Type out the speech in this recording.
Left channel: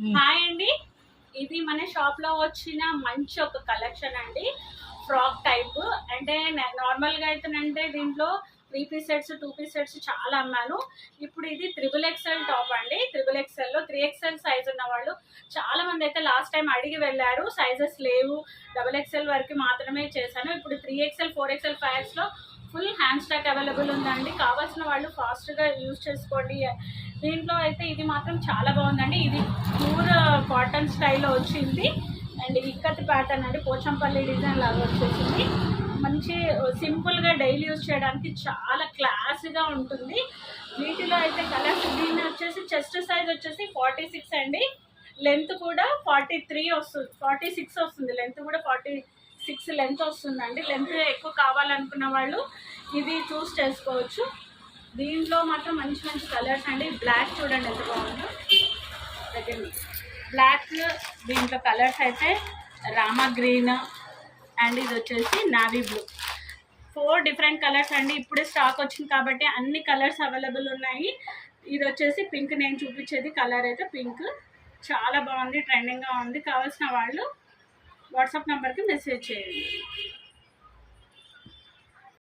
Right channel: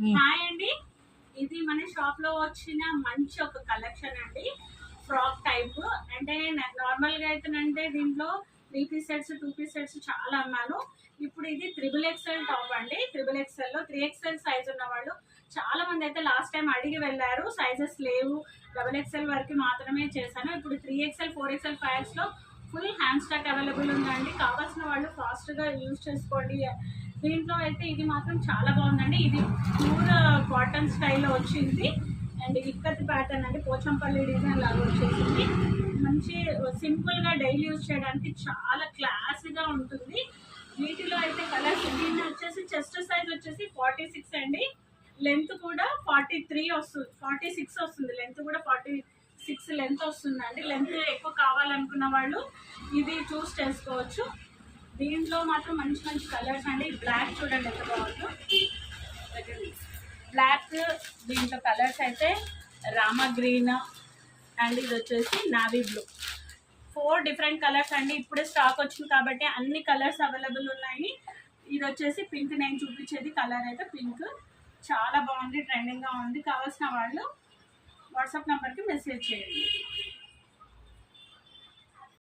Hi అండి, ఇది మన షాప్ లో వచ్చిన మంచి ఒక కలెక్షన్ అండి. ఫ్రాక్ టైప్ అంటే నార్మల్ గా అయితేనంటే దీంట్లో 3 పీస్ సెట్స్ 2 పీస్ సెట్స్ చాలా అమ్మాను. ఇప్పుడు ఇది XXL టాప్ అండి. XXL లో 3XL సైజ్ ఉన్న వాళ్ళు చాలా మంది అయితే లాస్ట్ టైం అడిగి వెళ్ళారు. సైజెస్ లేవు, XXL వరకు మాత్రమే చేశాను. ఇప్పుడు 3XL 4XL 5X లో ఫుల్ హ్యాండ్ స్టాక్ అవైలబుల్ ఉందండి. కావాల్సిన వాళ్ళు ఫాస్ట్ గా యూజ్ చేసుకోండి. దీంట్లో అయితే ఇది మాత్రం చాలా బాగుందండి. ఇది ప్యూర్ కాటన్ స్టైల్లో వచ్చింది అండ్ ఇక్కత్ ప్యాటర్న్ అండి, పోచంపల్లి డిజైన్ లాగా వచ్చేసింది. మంచి సింపుల్గా డైలీ యూజ్ చేయడానికి చాలా క్లాసీగా ఉంటుంది. వీటిలో అయితే కలర్స్, దీన్ని వచ్చేసి చెస్ట్ సైజ్ వచ్చేసి 46 అండి, లెంత్ కూడా 43 వస్తుంది, 46 వస్తుంది, లెంత్ కూడా 46 లెంత్ వస్తుందండి. లెంత్ ఎక్కువ కావాలనుకున్న వాళ్ళు ఇది చూస్ చేసుకోవచ్చు. దీంట్లో మాత్రం మంచి మంచి కలర్స్ అండి. బ్లాక్ చూడండి ఎంత బాగుందో, బ్లాక్. దీంట్లో కలర్స్ అయితే రామా గ్రీన్ అండ్ ఇది వచ్చేసి నావీ బ్లూ. 4 డిఫరెంట్ కలర్స్ అండి. ఇప్పుడే స్టాక్ వచ్చింది కాబట్టి అన్ని కలర్స్ అవైలబుల్ ఉన్నాయి. ఇది వచ్చేసి పింక్, నేను చూపించేది కలర్ అయితే పింక్. చాలా బాగుంది, ట్రెండింగ్గా ఉంది. కావాల్సిన వాళ్ళు వాట్సాప్ నెంబర్కి మెసేజ్ చేయండి.